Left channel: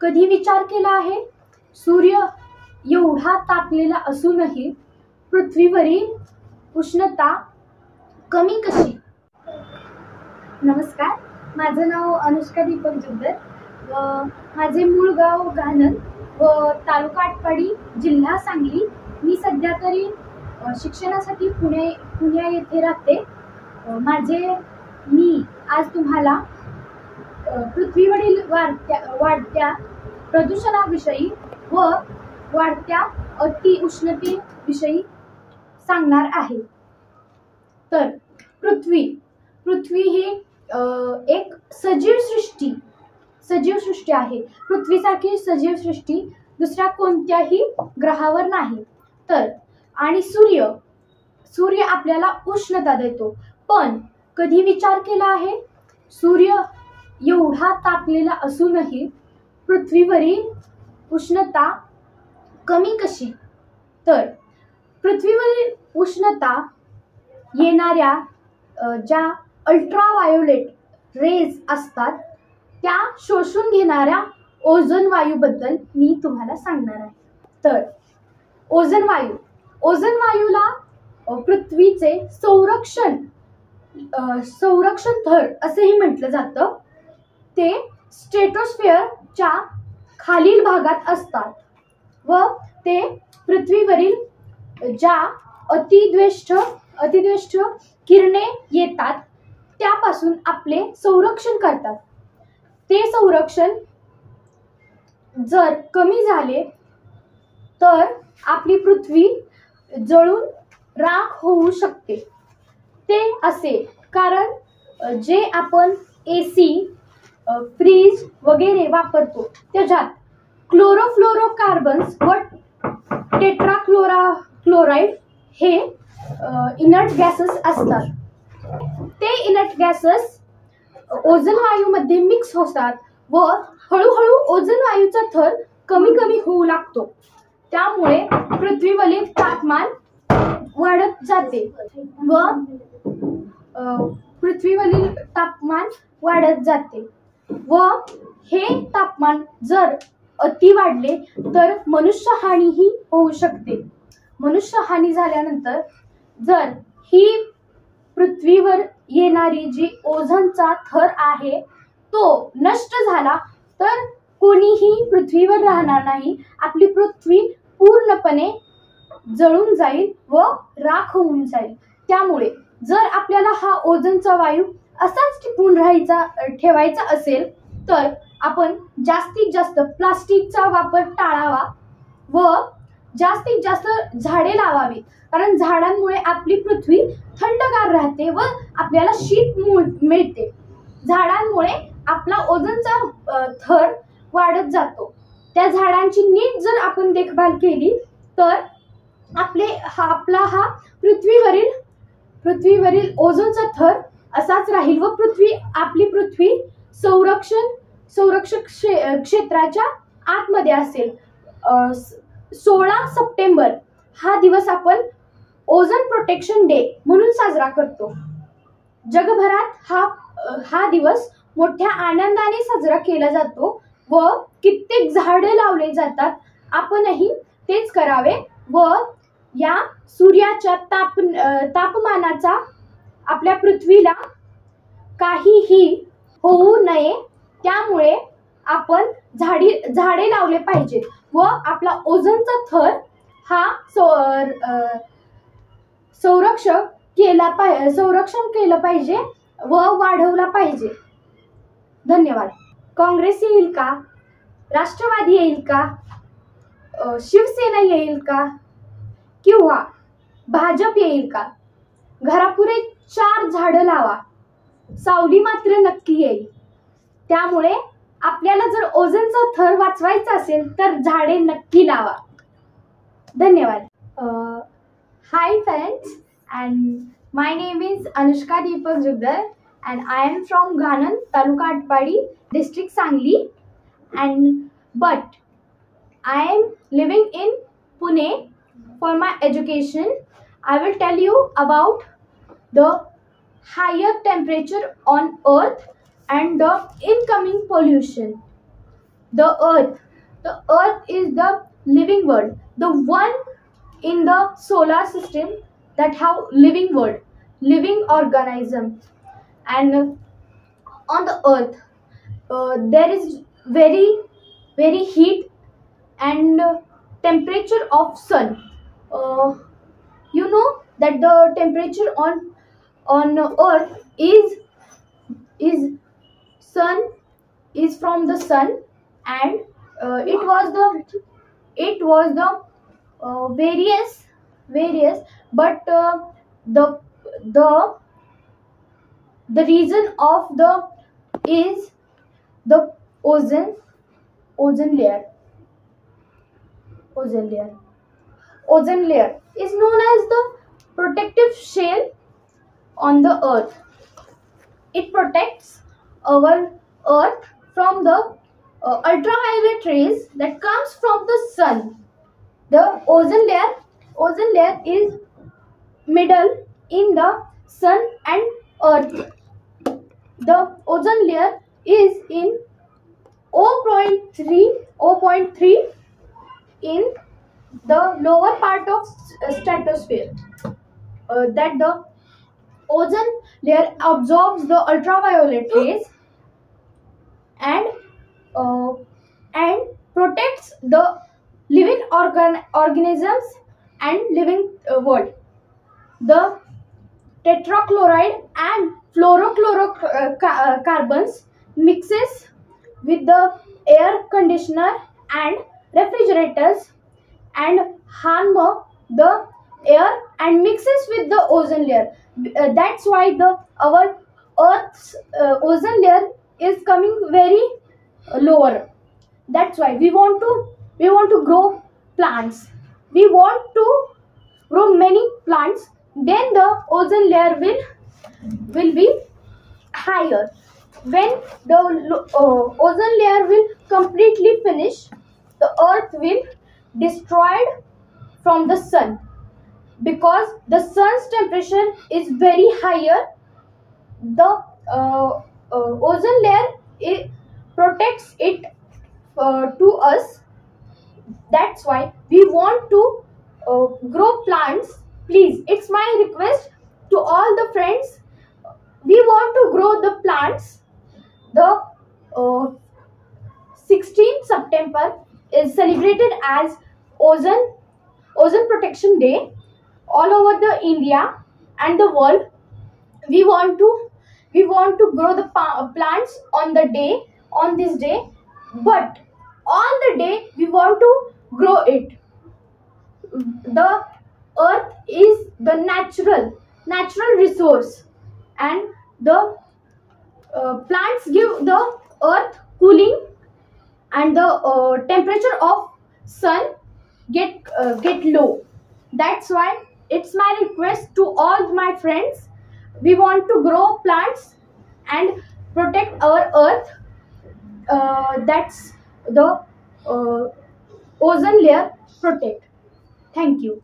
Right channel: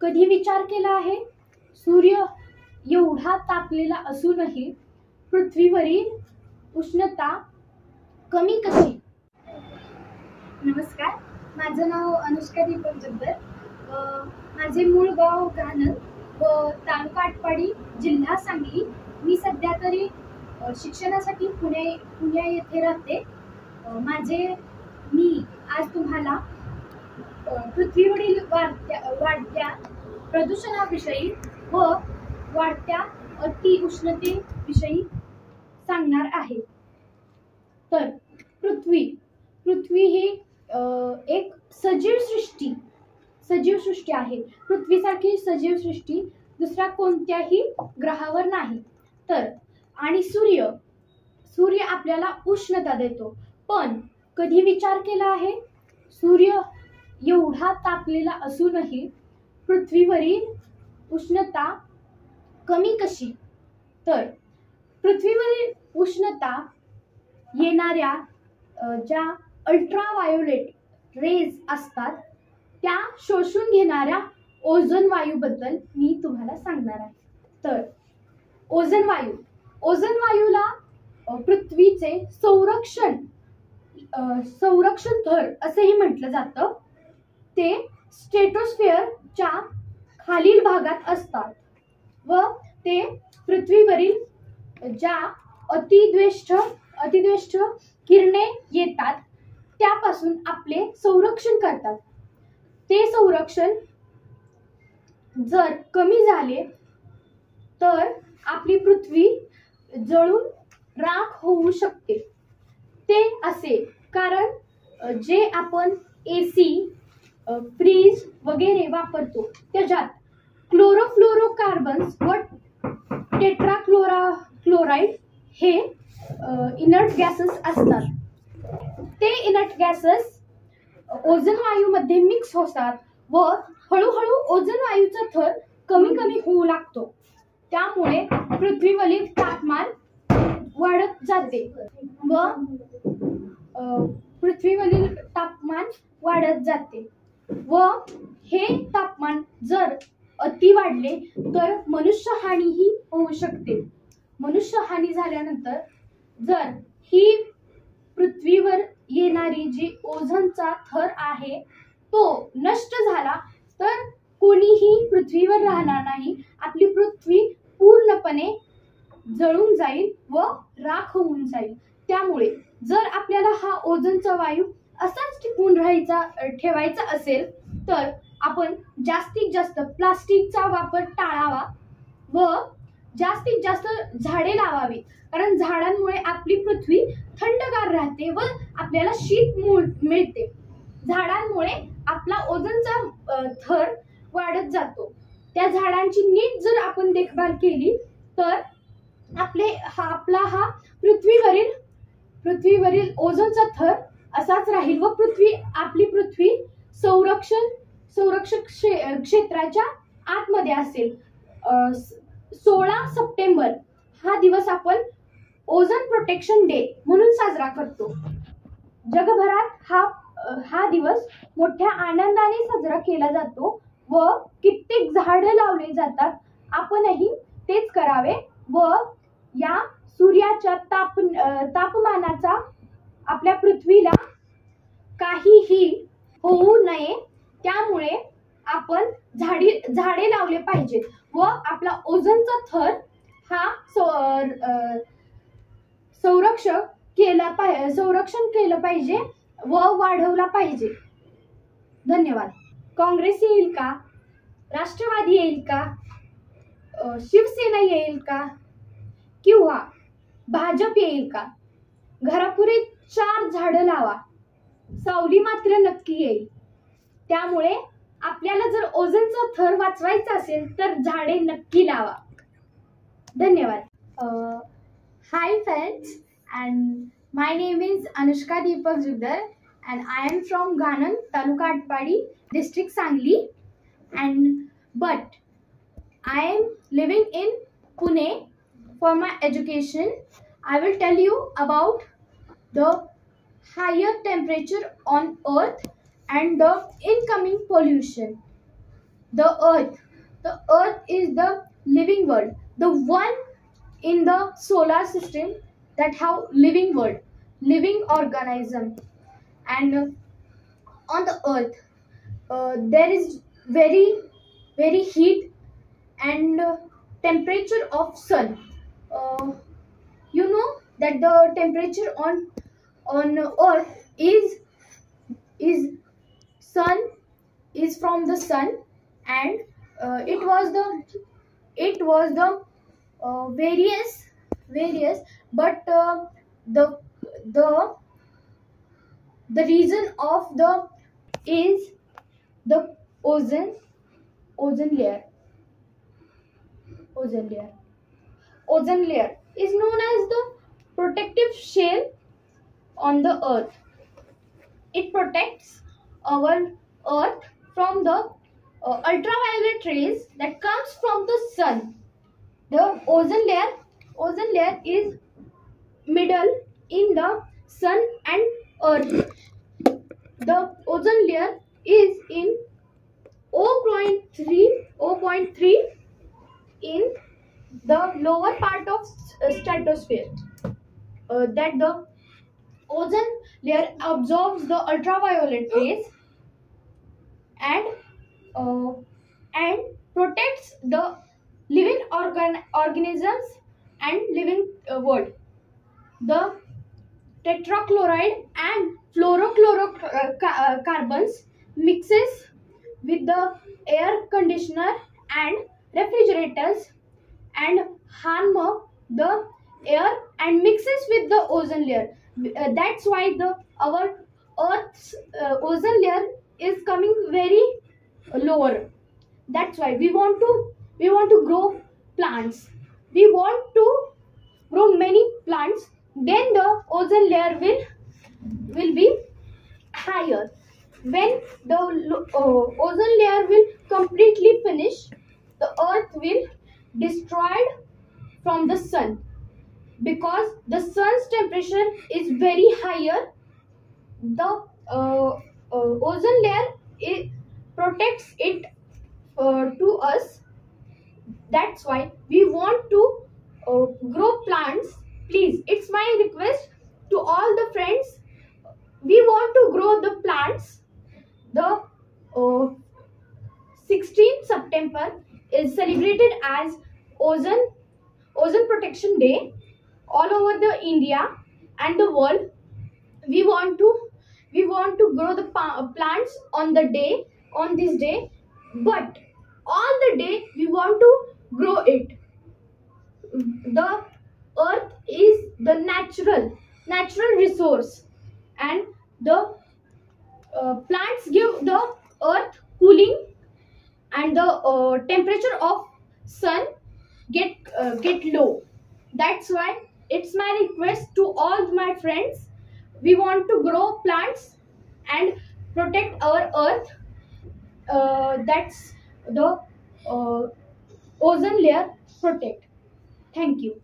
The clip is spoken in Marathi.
कधी विचार केला आहे सूर्य एवढा तापलेला असूनही पृथ्वीवरील उष्णता कमी कशी? नमस्कार, माझं नाव अनुष्का दीपक जुद्दर व माझे मूळ गाव घाणन व तालुका आटपाडी, जिल्हा सांगली. मी सध्या तरी शिक्षणासाठी पुणे येथे राहते. मी आज तुम्हाला पृथ्वीवरील वाढत्या प्रदूषणाविषयी व वाढत्या अतिउष्णतेविषयी सांगणार आहे. तर पृथ्वी ही एक सजीव सृष्टी आहे. पृथ्वीसारखी सजीव सृष्टी दुसऱ्या कोणत्याही ग्रहावर नाही. तर आणि सूर्य आपल्याला उष्णता देतो. पण कधी विचार केला आहे सूर्य एवढा तापलेला असूनही पृथ्वीवरील उष्णता कमी कशी? तर पृथ्वीवरील उष्णता येणाऱ्या ज्या अल्ट्राव्हायोलेट रेज असतात त्या शोषून घेणाऱ्या ओझोन वायूबद्दल मी तुम्हाला सांगणार आहे. तर ओझोन वायूला पृथ्वीचे संरक्षण थर असेही म्हटलं जातं. ते स्ट्रेटोस्फिअरच्या खालील भागात असतात व ते पृथ्वीवरील ज्या अतिद्वेष्ट किरणे येतात त्यापासून आपले संरक्षण करतात. ते संरक्षण जर कमी झाले तर आपली पृथ्वी जळून राख होऊ शकते. ते असे कारण जे आपण AC, फ्रीज वगैरे वापरतो त्याच्यात क्लोरोफ्लोरोकार्बन्स व टेट्राक्लोराइड हे इनर्ट गॅसेस असतात. ते इनर्ट गॅसेस ओझोन वायूमध्ये मिक्स होतात व हळूहळू ओझोन वायूचा थर कमी होऊ लागतो. त्यामुळे पृथ्वीवरील तापमान वाढत जाते व हे तापमान जर अति वाढले तर मनुष्यहानीही होऊ शकते. मनुष्यहानी झाल्यानंतर जर ही पृथ्वीवर येणारी जी ओझोनचा थर आहे तो नष्ट झाला तर कोणीही पृथ्वीवर राहणार नाही. आपली पृथ्वी पूर्णपणे जळून जाईल व राख होऊन जाईल. त्यामुळे जर आपल्याला हा ओझोनचा वायू असाच टिकून ठेवायचा असेल तर आपण जास्तीत जास्त प्लास्टिकचा वापर टाळावा व जास्तीत जास्त झाडे लावावी. कारण झाडांमुळे आपली पृथ्वी थंडगार राहते व आपल्याला शीत मिळते. झाडांमुळे आपला ओझोनचा थर वाढत जातो. त्या झाडांची नीट जर आपण देखभाल केली तर आपला हा पृथ्वीवरील ओझोनचा थर असाच राहील व आपली पृथ्वी संरक्षक क्षेत्राच्या आतमध्ये असेल. 16 सप्टेंबर हा दिवस आपण ओझोन प्रोटेक्शन डे म्हणून साजरा करतो. जगभरात हा दिवस मोठ्या आनंदाने साजरा केला जातो व कित्येक झाडे लावले जातात. आपणही तेच करावे व या सूर्याच्या तापमानाचा आपल्या पृथ्वीला काहीही होऊ नये त्यामुळे आपण झाडे लावले पाहिजेत व आपला ओझोनचा थर हा संरक्षण केलं पाहिजे व वाढवला पाहिजे. धन्यवाद. काँग्रेस येईल का, राष्ट्रवादी येईल का, शिवसेना येईल का किंवा भाजप येईल का? घरापुढे 4 झाडं लावा, सावली मात्र नक्की येईल. त्यामुळे आपल्याला जर ओझोनचा थर वाचवायचा असेल तर झाडे नक्की लावा. धन्यवाद. Hi friends, and my name is Anushka Deepak Juddar and I am from Ghanan, Taluka Atpadi, District Sangli, but I am living in Pune for my education. I will tell you about the higher temperature on earth and the incoming pollution. the earth. The earth is the living world, the one in the solar system that have living world, living organism. And on the earth there is very heat and temperature of sun. You know that the temperature on earth is sun is from the sun, and it was the various, but the the the reason of the is the ozone layer. Ozone layer is known as the protective shell on the earth. It protects our earth from the ultraviolet rays that comes from the sun. The ozone layer is middle in the sun and earth. The ozone layer is in 0.3 in the lower part of stratosphere. That the ozone layer absorbs the ultraviolet rays and protects the living organisms and living world. The tetrachloride and fluorocarbons mixes with the air conditioner and refrigerators and harm the air and mixes with the ozone layer. That's why our earth's ozone layer is coming very lower. That's why we want to grow plants. We want to grow many plants, then the ozone layer will be higher. When the ozone layer will completely finish, the earth will destroyed from the sun, because the sun's temperature is very higher. The ozone layer protects it to us. That's why we want to grow plants. Please, it's my request to all the friends. We want to grow the plants. The 16th September is celebrated as Ozone Protection Day all over the India and the world. We want to grow the plants on this day, but all the day we want to grow it. The earth is the natural resource, and the plants give the earth cooling, and the temperature of sun get low. That's why it's my request to all my friends. We want to grow plants and protect our earth. That's the ozone layer protect. Thank you.